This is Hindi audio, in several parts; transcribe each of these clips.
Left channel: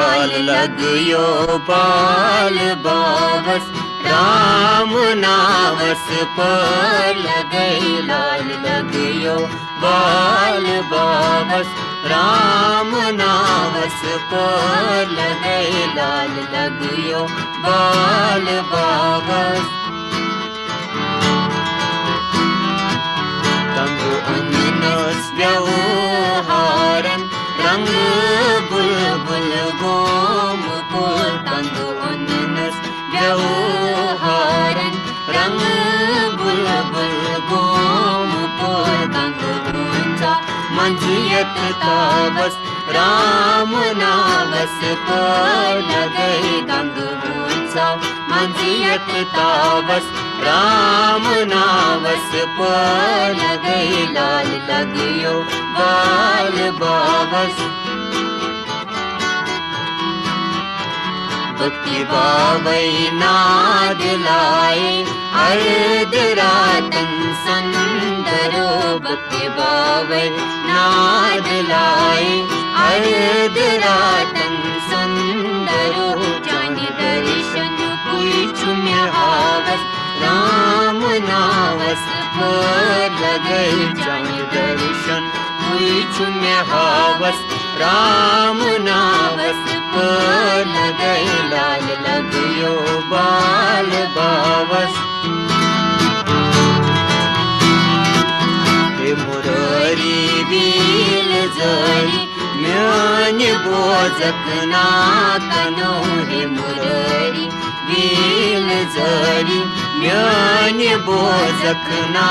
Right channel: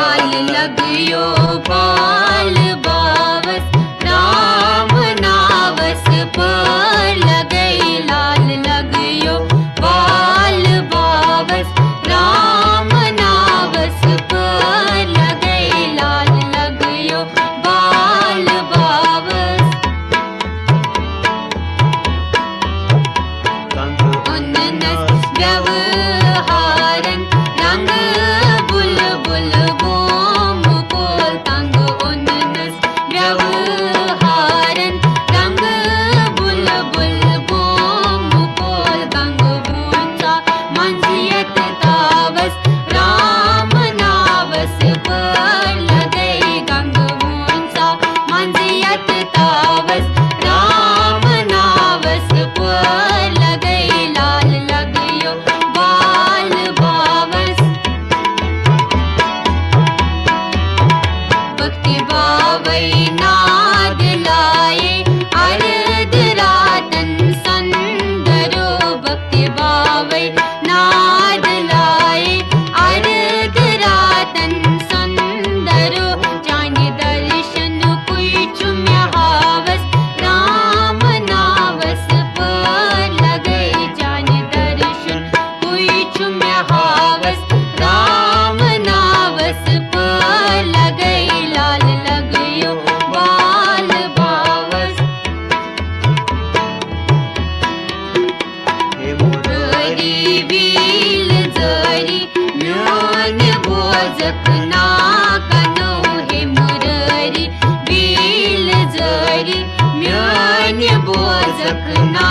लाल लगियो बाल बावस राम नावस पर लगई लाल लगियो बाल बावस राम नावस पर लगई लाल लगियो बाल बावस तंग अननस व्यवहारन रंग बुलबुल गोम पुल तंग अननस व्यवहारन रंग बुलबुल गोम पुल तंग गुंजा मंजियत तावस राम नावस पर लगई तंग गुंजा मंजियत तावस राम नावस पर लगई लाल लगियो बाल बावस भक्ति बावई नाद लाए अर्ध रातन संदरो भक्ति बावई नाद लाए अर्ध रातन संदरो जाने दर्शन कोई चुम्य हावस राम नावस पर लगई जाने दर्शन कोई चुम्य हावस राम नावस पर लगई लाल लगियो बाल बावस हे मुरारी बील जरी म्यान बोजक ना कनो हे मुरारी बील जरी म्यान बोजक ना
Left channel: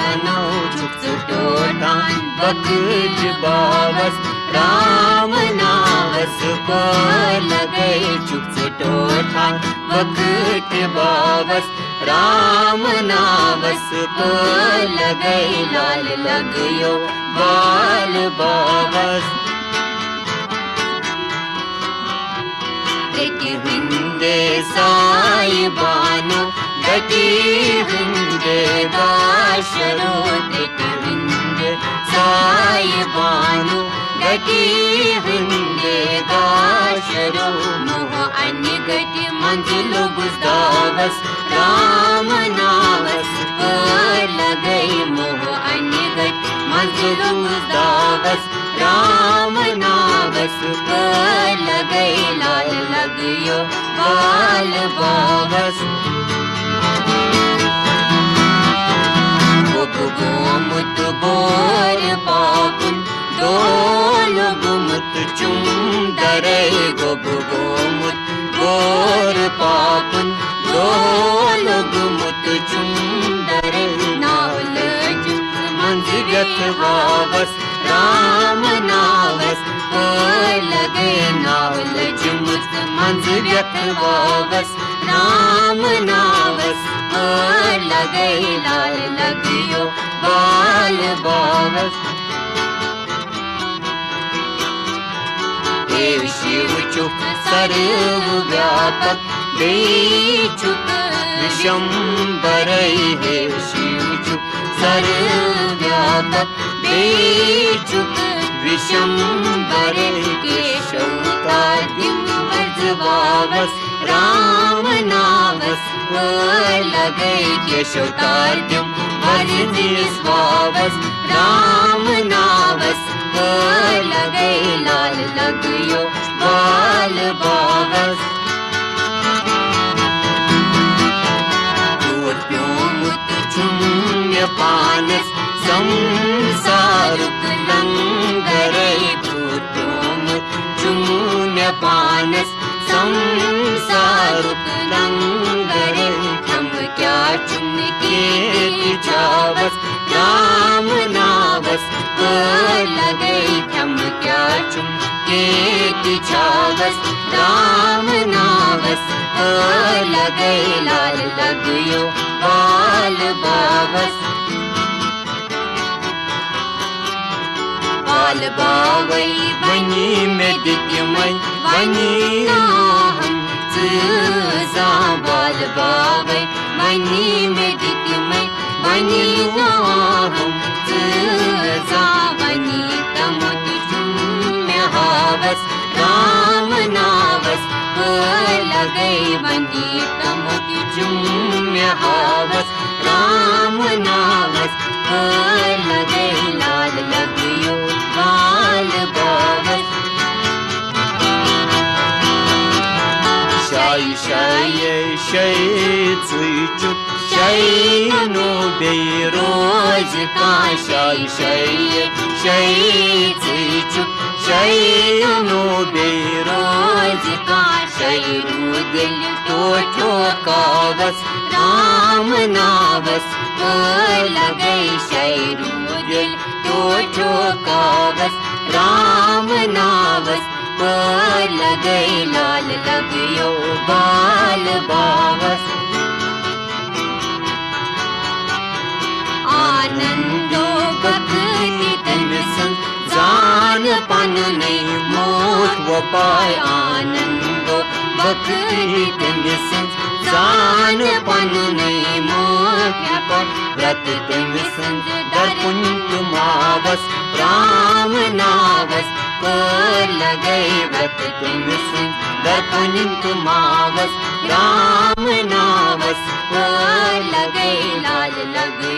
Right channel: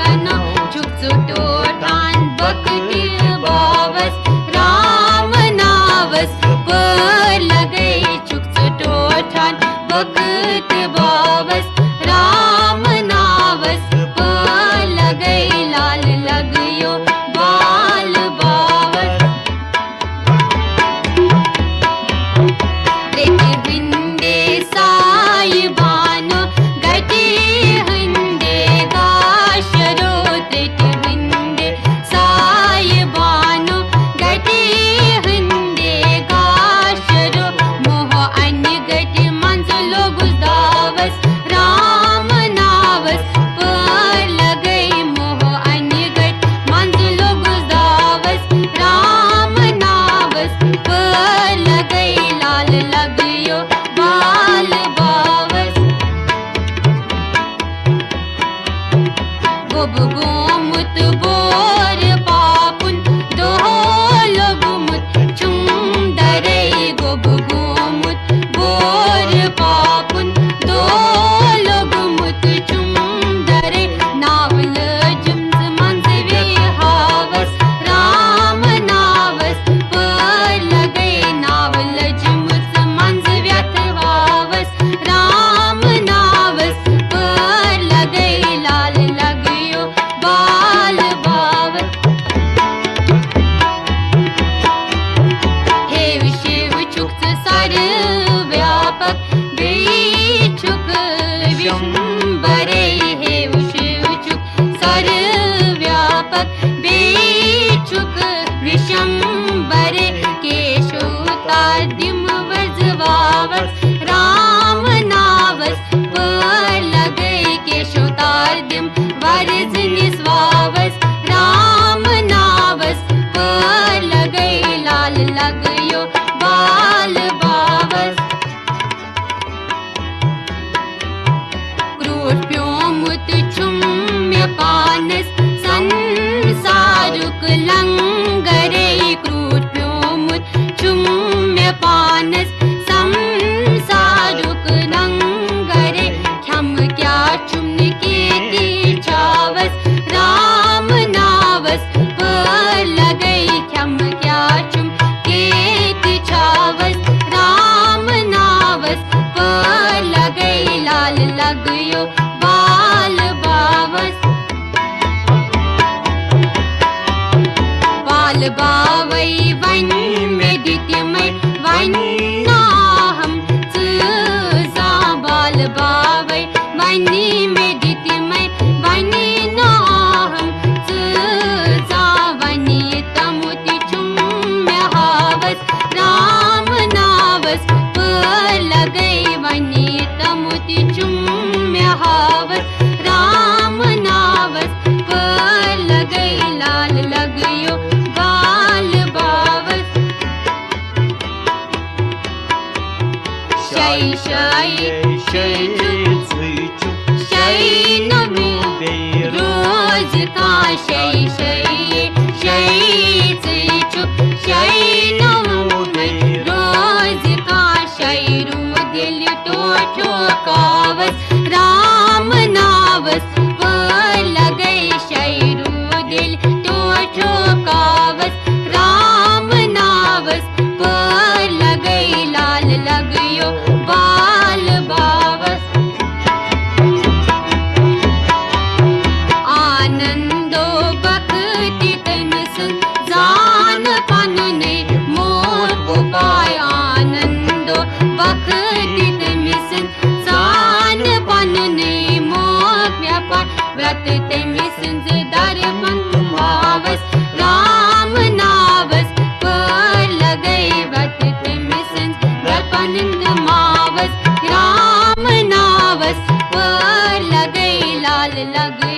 कनो चुचटो टान बकट बावस राम नावस पर लगई चुचटो टान बकट बावस राम नावस पर लगई लाल लगियो बाल बावस हिंदे साई बानो गति हिंदे बाशरो हिंदे साई बानो गति हिंदे बाशरो मोह अन्य गति मंजिलो गुजदावस राम नावस पर लगई मोह अन्य गति मंजिलो गुजदावस राम नावस पर लगई लाल लगियो बाल बावस गोमुत बोर पापुन दोलो गुमुत चुंदरे गोमुत बोर पापुन दोलो गुमुत चुंदरे नावल जुम मंजिल हावस राम नावस पर लगई नावल जुमुत मंजिल हावस राम नावस पर लगई लाल लगियो बाल बावस हे विशिव चुक सर्व व्यापक बेचुक शंबरई हे विशिव चुक सर्व व्यापक बेचुक विशंबरे केशोताद्यम वर्जवावस राम नावस पर लगई केशोताद्यम वर्जनिस्वावस राम नावस पर लगई लाल लगियो बाल बावस क्रोध्योमुत चुम्य पानस संसारुक लंगरे क्रोध्योमुत चुम्य पानस संसारुक लंगरे हम क्या चुम के चावस राम नावस पर लगई हम क्या चुम के चावस राम नावस पर लगई लाल लगियो बाल बावस बाल बावई वनी में दित्यमय वनी नाहम जा बाल बावई वनी में दित्यमय वनी नाहम जा वनी तमुति चुम्य हावस राम शाय शाय शैनु बे रोज का शाय शैनु बे रोज का शैरू दिल टोटो कावस राम नावस लगे शैरू दिल टोटो कावस राम नावस लगे लाल लगियो बाल बावस आनंदो भक्ति तन सुन जान पन ने मोट वो पाए आनंदो भक्ति तन सुन जान पन ने मोट व्यापार व्रत तन सुन दर्पण तुमावस राम नावस लगे व्रत तन सुन दर्पण तुमावस राम नावस लगे लाल लगे